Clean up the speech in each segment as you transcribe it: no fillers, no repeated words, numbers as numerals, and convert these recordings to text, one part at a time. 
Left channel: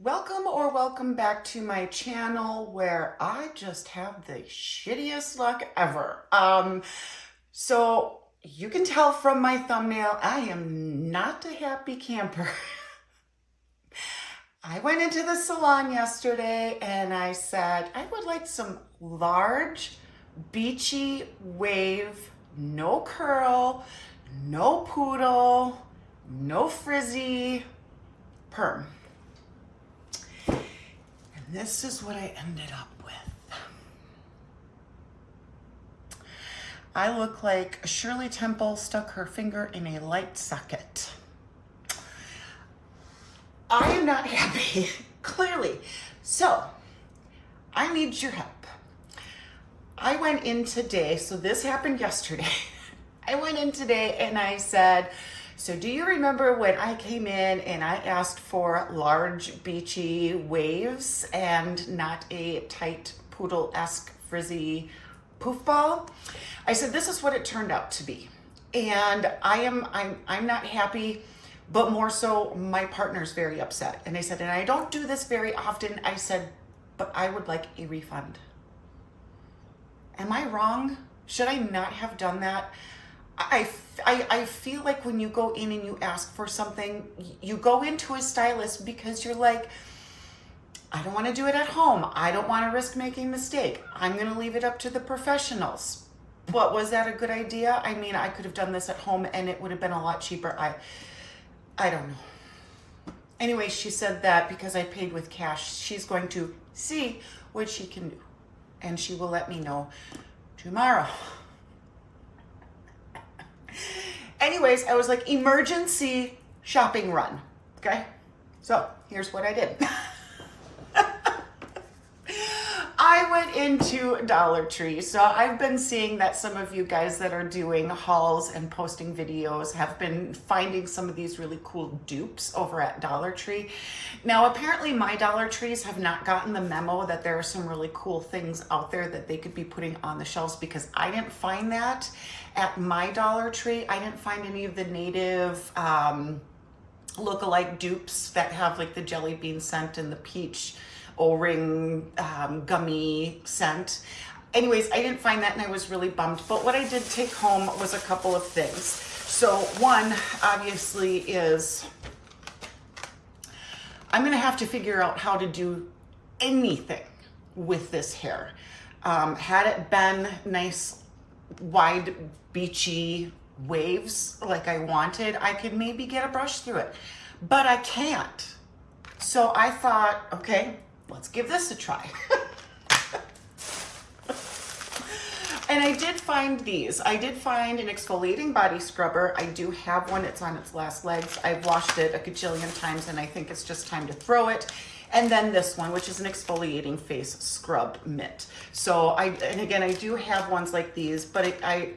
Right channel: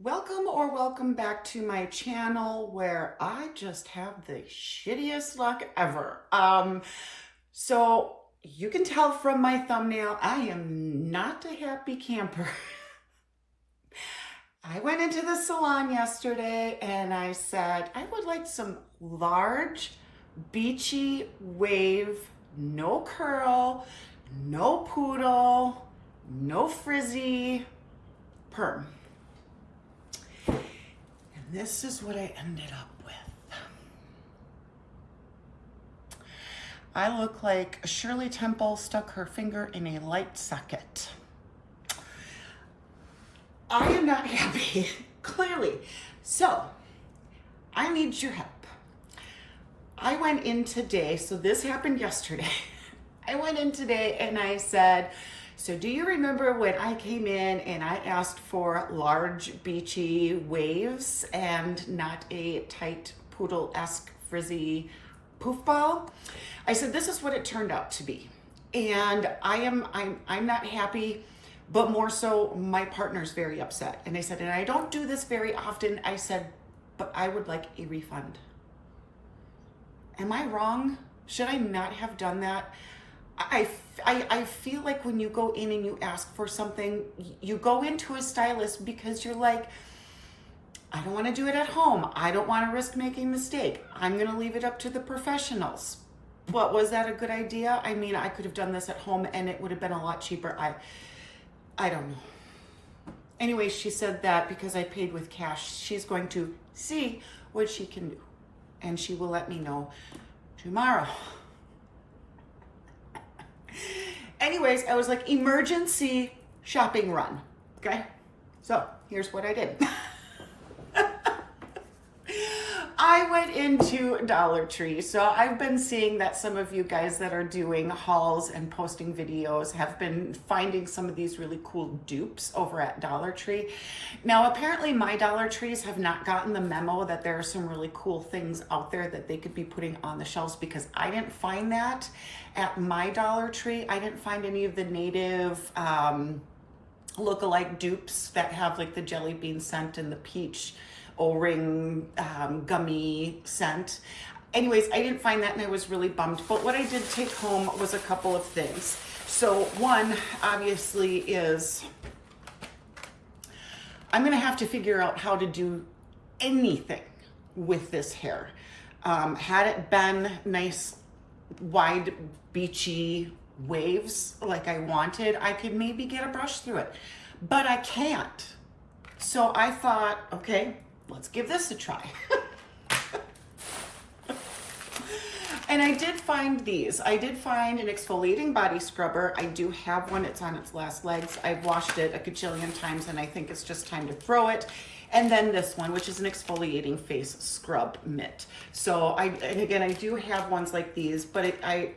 Welcome or welcome back to my channel where I just have the shittiest luck ever. So you can tell from my thumbnail, I am not a happy camper. I went into the salon yesterday and I said, I would like some large, beachy wave, no curl, no poodle, no frizzy perm. This is what I ended up with. I look like Shirley Temple stuck her finger in a light socket. I am not happy, clearly. So, I need your help. I went in today, so this happened yesterday. I went in today and I said, so do you remember when I came in and I asked for large beachy waves and not a tight poodle-esque frizzy poof ball? I said, this is what it turned out to be. And I'm not happy, but more so my partner's very upset. And I said, and I don't do this very often. I said, but I would like a refund. Am I wrong? Should I not have done that? I feel like when you go in and you ask for something, you go into a stylist because you're like, I don't want to do it at home. I don't want to risk making a mistake. I'm going to leave it up to the professionals. But was that a good idea? I mean, I could have done this at home and it would have been a lot cheaper. I don't know. Anyway, she said that because I paid with cash, she's going to see what she can do. And she will let me know tomorrow. Anyways, I was like, emergency shopping run, okay? So here's what I did. I went into Dollar Tree. So I've been seeing that some of you guys that are doing hauls and posting videos have been finding some of these really cool dupes over at Dollar Tree. Now, apparently my Dollar Trees have not gotten the memo that there are some really cool things out there that they could be putting on the shelves, because I didn't find that at my Dollar Tree. I didn't find any of the native look-alike dupes that have like the jelly bean scent and the peach O-ring gummy scent. Anyways, I didn't find that and I was really bummed. But what I did take home was a couple of things. So one, obviously, is I'm gonna have to figure out how to do anything with this hair. Had it been nice, wide, beachy waves like I wanted, I could maybe get a brush through it, but I can't. So I thought, okay, let's give this a try. And I did find these. I did find an exfoliating body scrubber. I do have one. It's on its last legs. I've washed it a gajillion times and I think it's just time to throw it. And then this one, which is an exfoliating face scrub mitt. So and again, I do have ones like these, but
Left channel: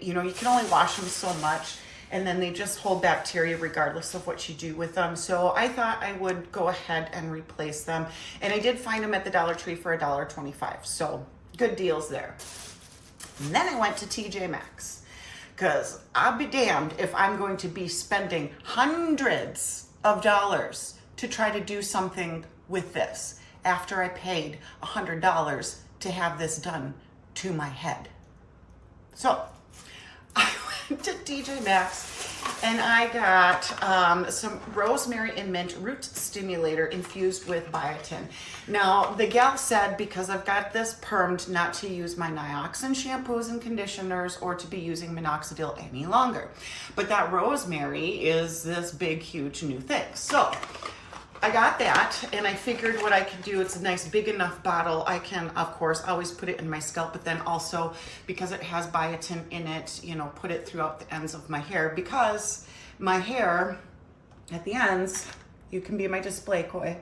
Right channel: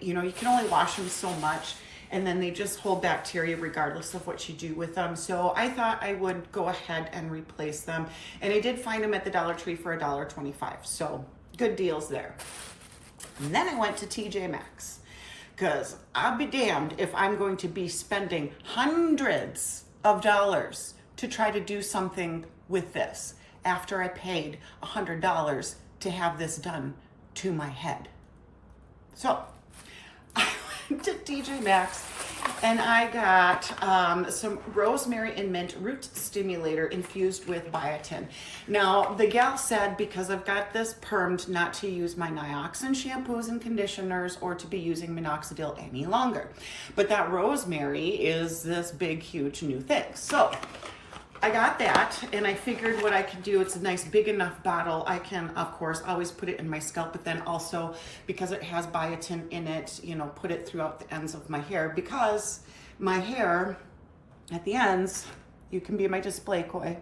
you know, you can only wash them so much and then they just hold bacteria regardless of what you do with them. So I thought I would go ahead and replace them. And I did find them at the Dollar Tree for $1.25. So good deals there. And then I went to TJ Maxx, because I'll be damned if I'm going to be spending hundreds of dollars to try to do something with this after I paid $100 to have this done to my head. So I went to TJ Maxx and I got some rosemary and mint root stimulator infused with biotin. Now, the gal said, because I've got this permed, not to use my Nioxin shampoos and conditioners or to be using minoxidil any longer. But that rosemary is this big, huge new thing. So I got that and I figured what I could do, it's a nice big enough bottle. I can, of course, always put it in my scalp, but then also because it has biotin in it, you know, put it throughout the ends of my hair, because my hair at the ends, you can be my display koi,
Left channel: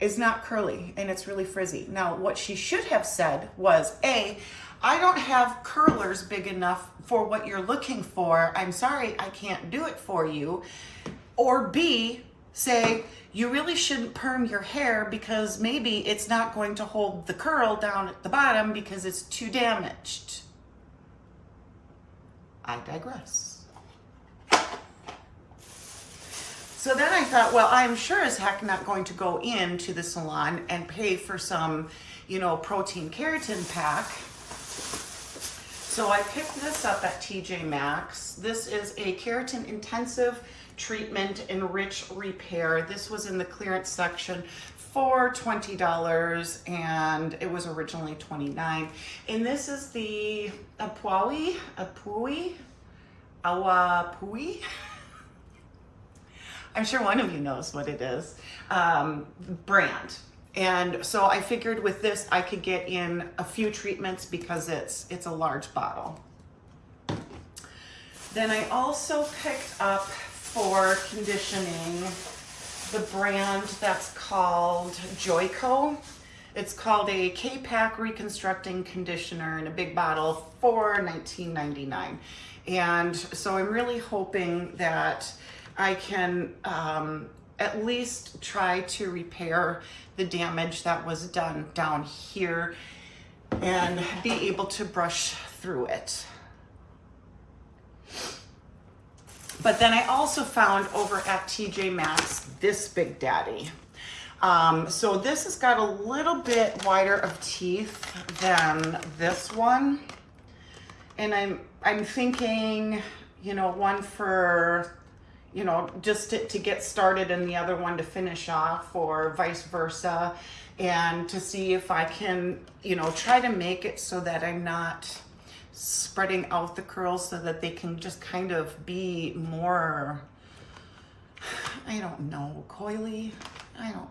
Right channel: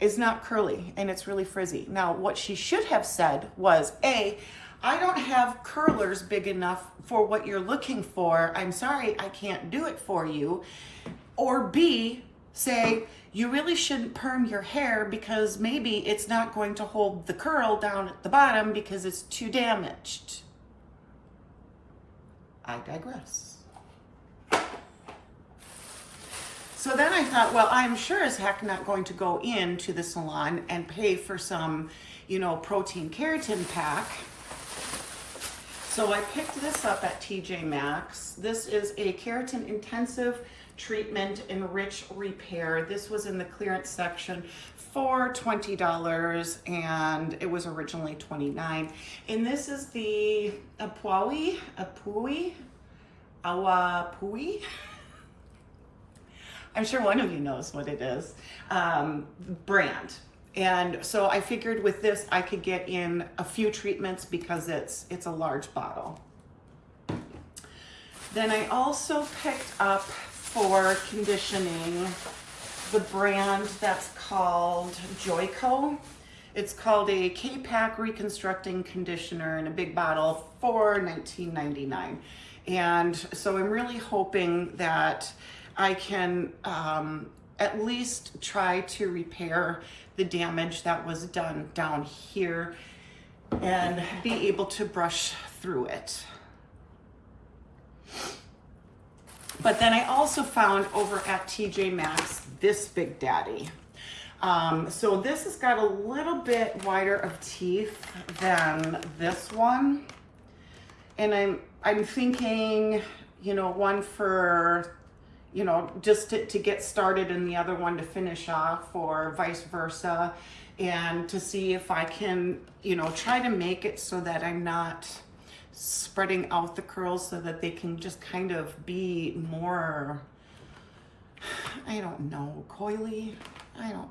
is not curly and it's really frizzy. Now, what she should have said was, A, I don't have curlers big enough for what you're looking for. I'm sorry, I can't do it for you. Or B, say, you really shouldn't perm your hair because maybe it's not going to hold the curl down at the bottom because it's too damaged. I digress. So then I thought, well, I'm sure as heck not going to go into the salon and pay for some, you know, protein keratin pack. So I picked this up at TJ Maxx. This is a keratin intensive treatment enrich repair. This was in the clearance section for $20 and it was originally $29. And this is the Awapui. I'm sure one of you knows what it is, brand. And so I figured with this, I could get in a few treatments because it's a large bottle. Then I also picked up for conditioning the brand that's called Joico. It's called a K-Pack Reconstructing Conditioner in a big bottle for $19.99. And so I'm really hoping that I can at least try to repair the damage that was done down here and be able to brush through it. But then I also found over at TJ Maxx this Big Daddy. So this has got a little bit wider of teeth than this one. And I'm thinking, you know, one for, you know, just to get started and the other one to finish off or vice versa. And to see if I can, you know, try to make it so that I'm not spreading out the curls so that they can just kind of be more, I don't know, coily. I don't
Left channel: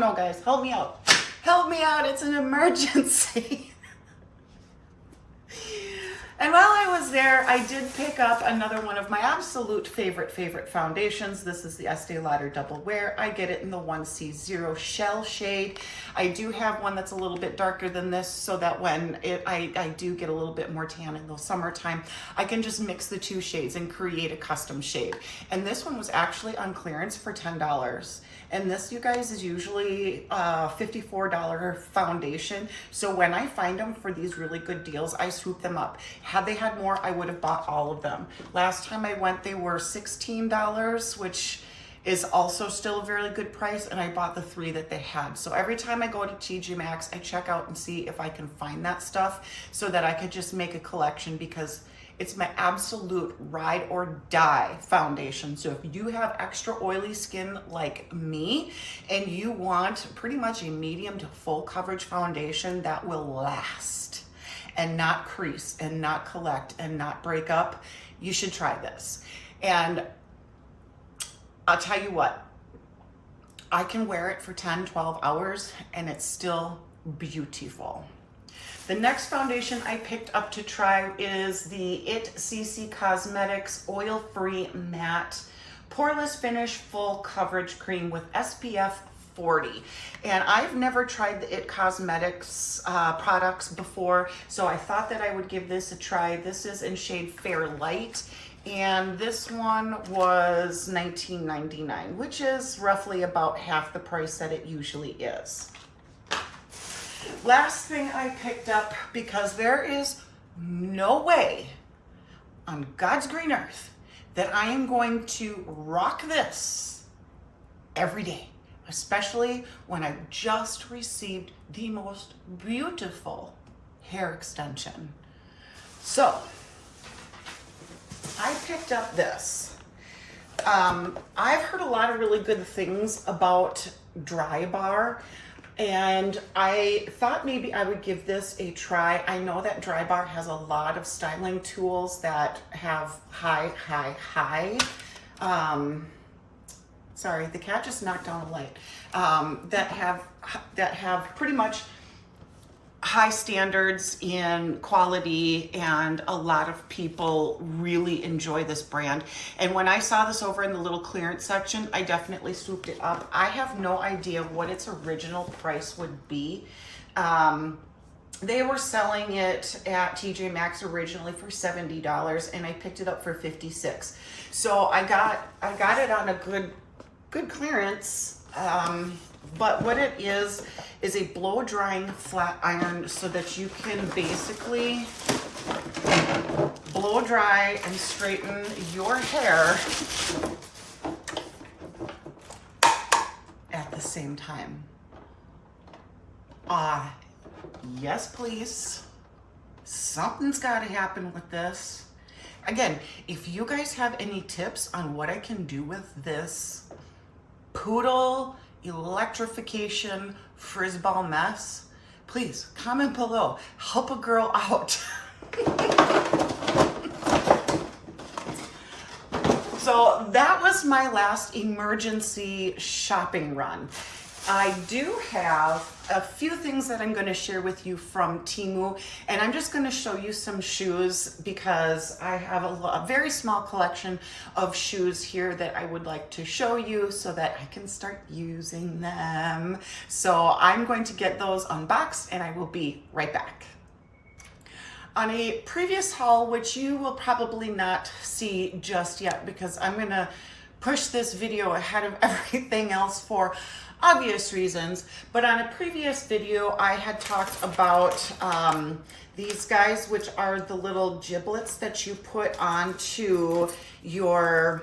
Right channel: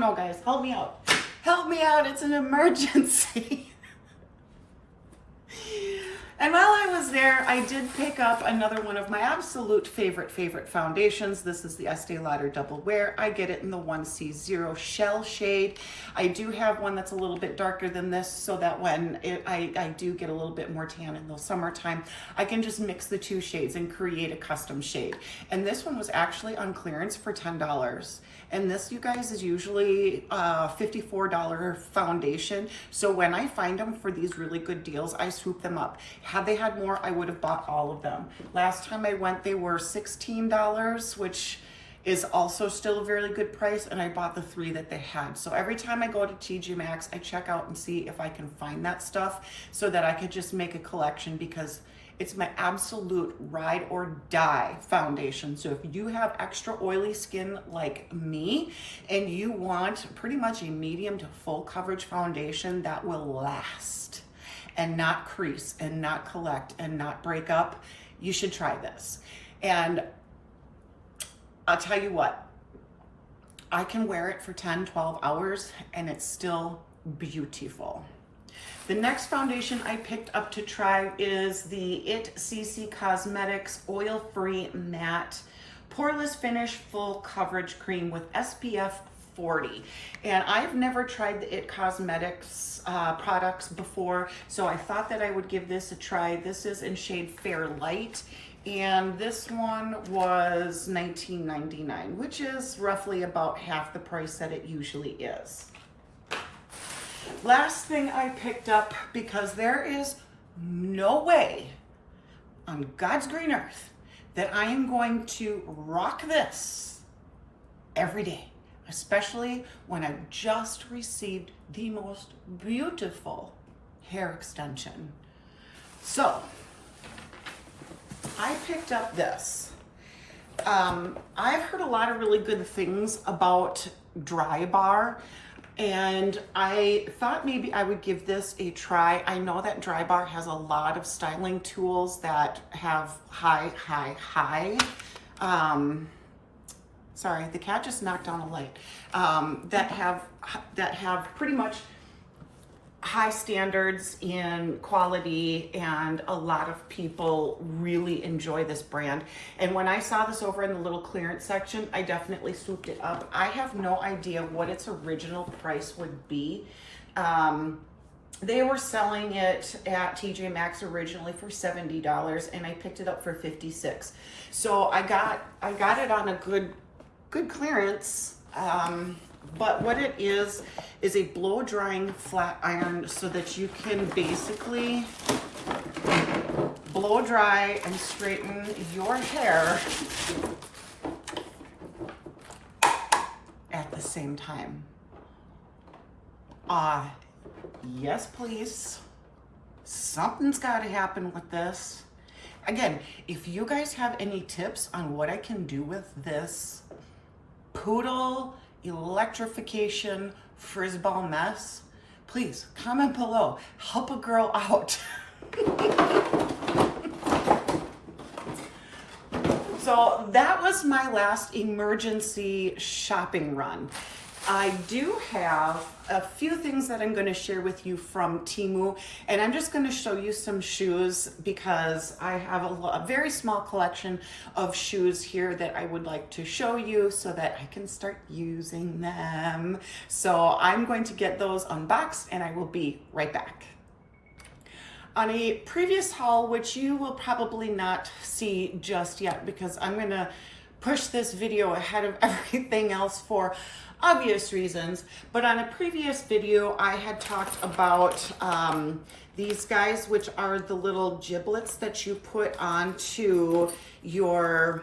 know, guys. Help me out. Help me out. It's an emergency. And while I was there, I did pick up another one of my absolute favorite foundations. This is the Estee Lauder Double Wear. I get it in the 1C0 Shell shade. I do have one that's a little bit darker than this so that when I do get a little bit more tan in the summertime, I can just mix the two shades and create a custom shade. And this one was actually on clearance for $10. And this, you guys, is usually a $54 foundation. So when I find them for these really good deals, I swoop them up. Had they had more, I would have bought all of them. Last time I went, they were $16, which is also still a very good price. And I bought the 3 that they had. So every time I go to TJ Maxx, I check out and see if I can find that stuff so that I could just make a collection, because it's my absolute ride or die foundation. So if you have extra oily skin like me and you want pretty much a medium to full coverage foundation that will last and not crease and not collect and not break up, you should try this. And I'll tell you what, I can wear it for 10, 12 hours and it's still beautiful. The next foundation I picked up to try is the CC Cosmetics Oil-Free Matte Poreless Finish Full Coverage Cream with SPF 40. And I've never tried the Cosmetics products before, so I thought that I would give this a try. This is in shade Fair Light, and this one was $19.99, which is roughly about half the price that it usually is. Last thing I picked up, because there is no way on God's green earth that I am going to rock this every day, especially when I just received the most beautiful hair extension. So I picked up this. I've heard a lot of really good things about Drybar, and I thought maybe I would give this a try. I know that Drybar has a lot of styling tools that have sorry, the cat just knocked down a light, that have pretty much high standards in quality, and a lot of people really enjoy this brand. And when I saw this over in the little clearance section, I definitely swooped it up. I have no idea what its original price would be. They were selling it at TJ Maxx originally for $70, and I picked it up for $56. So I got it on a good clearance. But what it is a blow drying flat iron, so that you can basically blow dry and straighten your hair same time. Yes, please. Something's got to happen with this. Again, if you guys have any tips on what I can do with this poodle electrification frisball mess, please comment below. Help a girl out. So that was my last emergency shopping run. I do have a few things that I'm going to share with you from Temu, and I'm just going to show you some shoes because I have a very small collection of shoes here that I would like to show you so that I can start using them. So I'm going to get those unboxed and I will be right back. On a previous haul, which you will probably not see just yet because I'm going to push this video ahead of everything else for obvious reasons, but on a previous video I had talked about these guys, which are the little giblets that you put onto your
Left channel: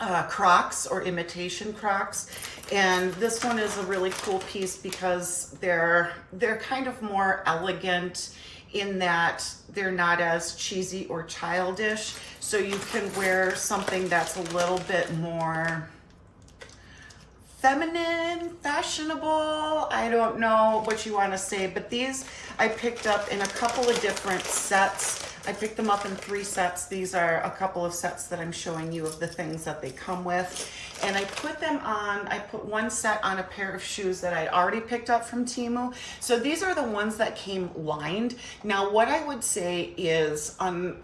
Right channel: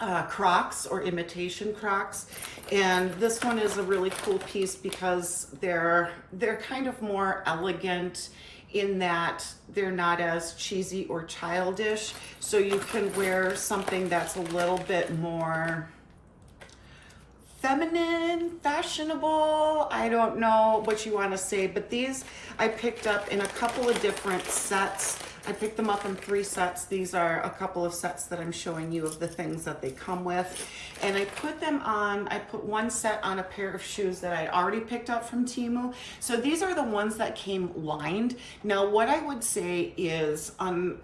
Crocs or imitation Crocs, and this one is a really cool piece because they're kind of more elegant in that they're not as cheesy or childish, so you can wear something that's a little bit more feminine, fashionable. I don't know what you want to say, but these I picked up in a couple of different sets. I picked them up in 3 sets. These are a couple of sets that I'm showing you of the things that they come with. And I put them on, I put one set on a pair of shoes that I'd already picked up from Temu. So these are the ones that came lined. Now, what I would say is,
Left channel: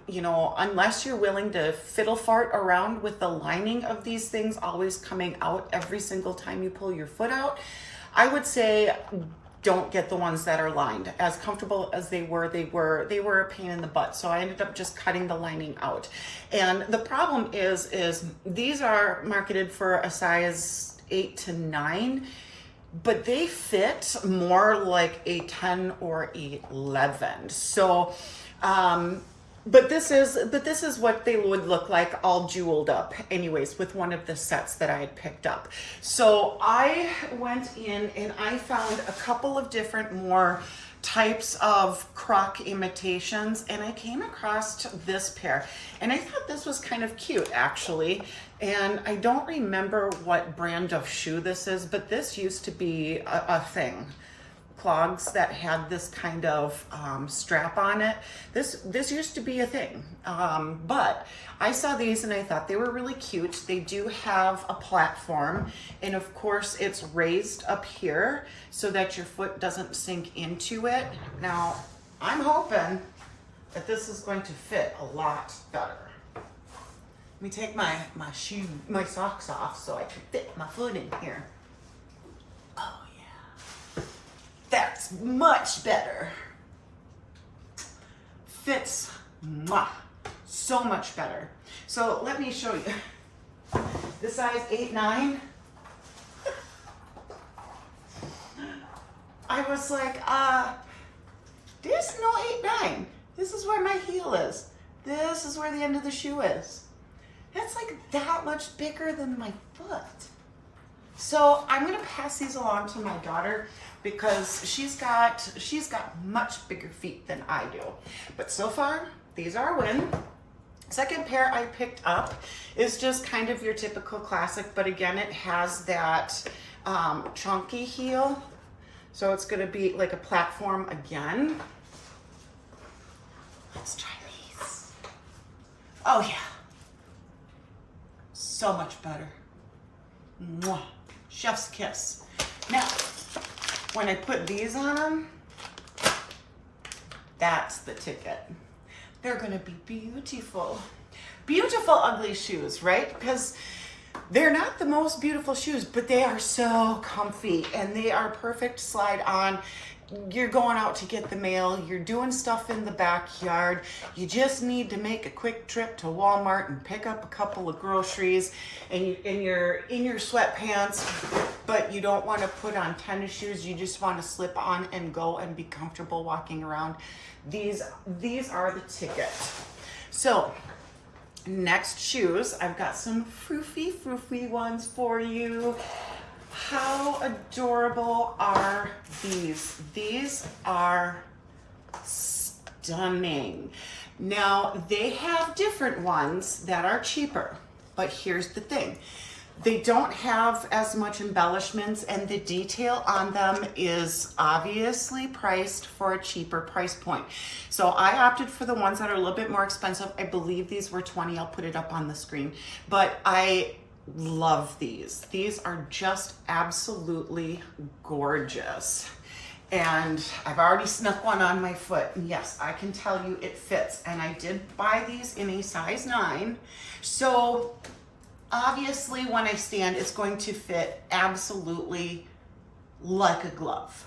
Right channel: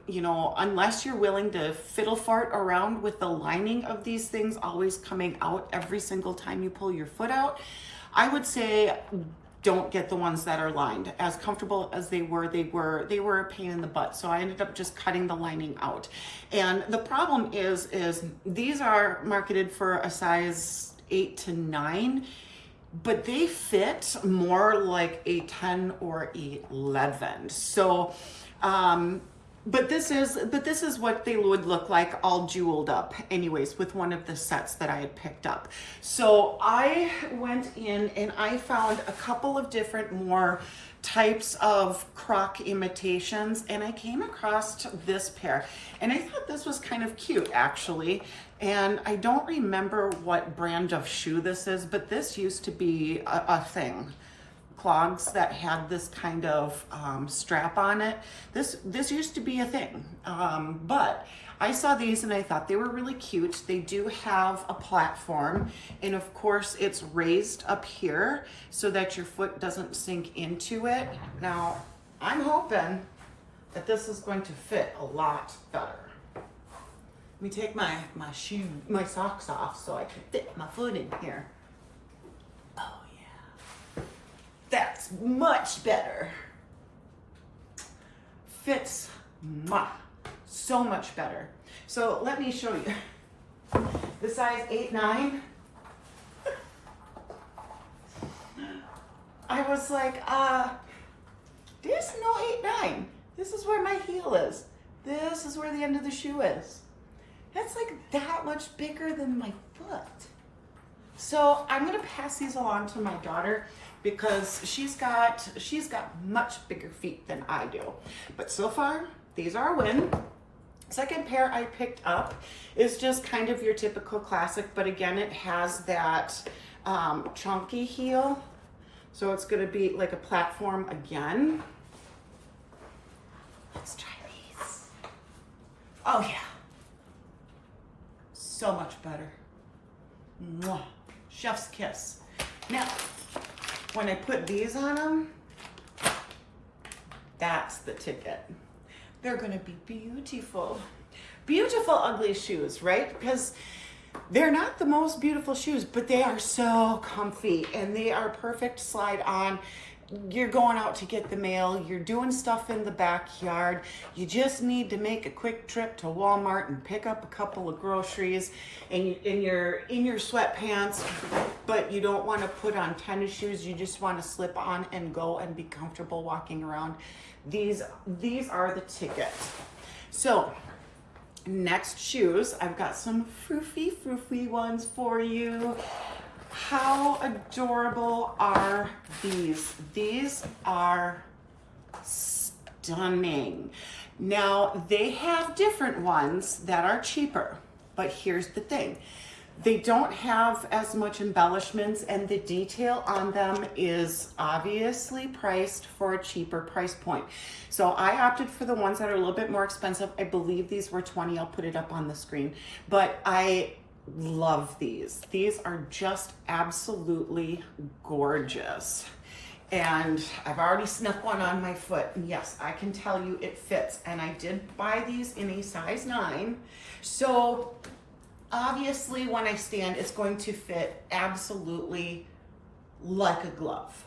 you know, unless you're willing to fiddle fart around with the lining of these things always coming out every single time you pull your foot out, I would say don't get the ones that are lined. As comfortable as they were a pain in the butt. So I ended up just cutting the lining out. And the problem is these are marketed for a size 8 to 9, but they fit more like a 10 or 11. So, but this is what they would look like all jeweled up anyways with one of the sets that I had picked up. So I went in and I found a couple of different more types of Croc imitations, and I came across this pair and I thought this was kind of cute actually. And I don't remember what brand of shoe this is, but this used to be a thing. Clogs that had this kind of strap on it. This used to be a thing, but I saw these and I thought they were really cute. They do have a platform, and of course it's raised up here so that your foot doesn't sink into it. Now, I'm hoping that this is going to fit a lot better. Let me take my socks off so I can fit my foot in here. That's much better. Fits so much better. So let me show you. The size 8, 9. I was like, there's no 8, 9. This is where my heel is. This is where the end of the shoe is. That's like that much bigger than my foot. So I'm gonna pass these along to my daughter because she's got much bigger feet than I do. But so far, these are a win. Second pair I picked up is just kind of your typical classic, but again, it has that chunky heel. So it's gonna be like a platform again. Let's try these. Oh yeah. So much better. Mwah. Chef's kiss. Now, when I put these on them, that's the ticket. They're gonna be beautiful. Beautiful ugly shoes, right? Because they're not the most beautiful shoes, but they are so comfy and they are perfect slide on. You're going out to get the mail, you're doing stuff in the backyard, you just need to make a quick trip to Walmart and pick up a couple of groceries, and you're in your sweatpants, but you don't want to put on tennis shoes, you just want to slip on and go and be comfortable walking around. These are the ticket. So next shoes, I've got some froofy ones for you. How adorable are these? These are stunning. Now, they have different ones that are cheaper, but here's the thing. They don't have as much embellishments, and the detail on them is obviously priced for a cheaper price point. So I opted for the ones that are a little bit more expensive. I believe these were 20. I'll put it up on the screen. But I love these. These are just absolutely gorgeous. And I've already snuck one on my foot. And yes, I can tell you it fits. And I did buy these in a size 9. So obviously when I stand, it's going to fit absolutely like a glove.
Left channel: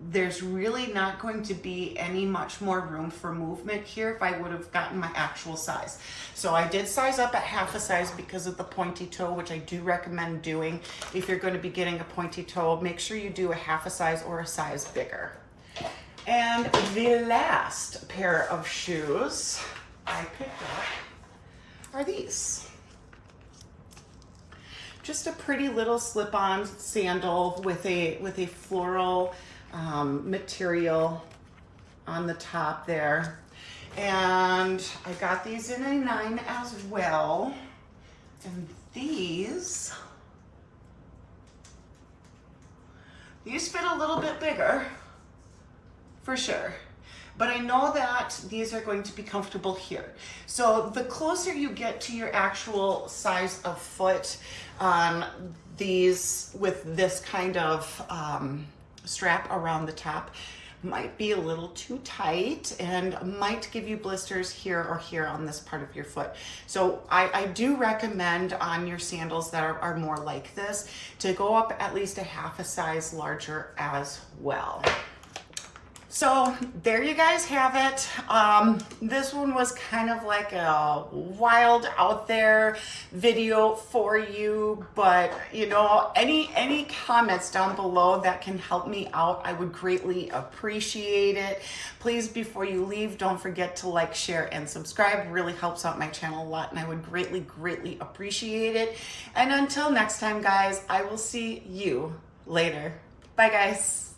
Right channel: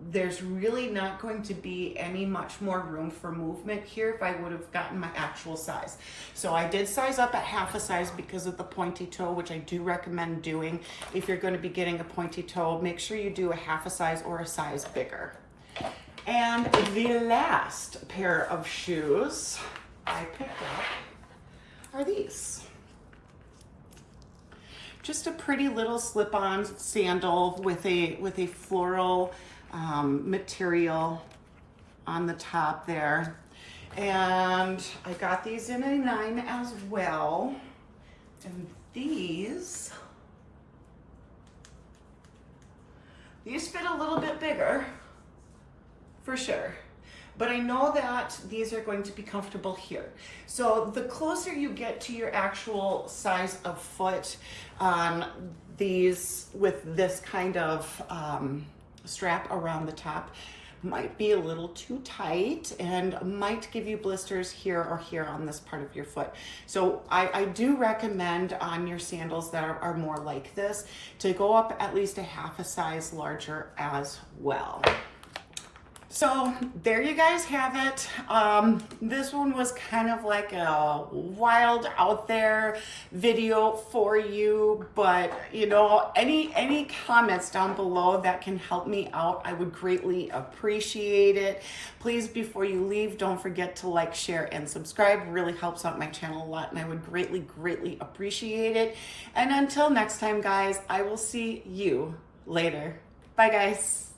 There's really not going to be any much more room for movement here if I would have gotten my actual size. So I did size up at half a size because of the pointy toe, which I do recommend doing. If you're going to be getting a pointy toe, make sure you do a half a size or a size bigger. And the last pair of shoes I picked up are these. Just a pretty little slip-on sandal with a floral material on the top there. And I got these in a 9 as well. And these fit a little bit bigger, for sure. But I know that these are going to be comfortable here. So the closer you get to your actual size of foot, these with this kind of strap around the top might be a little too tight and might give you blisters here or here on this part of your foot. So I do recommend on your sandals that are more like this to go up at least a half a size larger as well. So there you guys have it. This one was kind of like a wild out there video for you, but you know, any comments down below that can help me out, I would greatly appreciate it. Please, before you leave, don't forget to like, share, and subscribe. It really helps out my channel a lot, and I would greatly appreciate it. And until next time, guys, I will see you later. Bye, guys.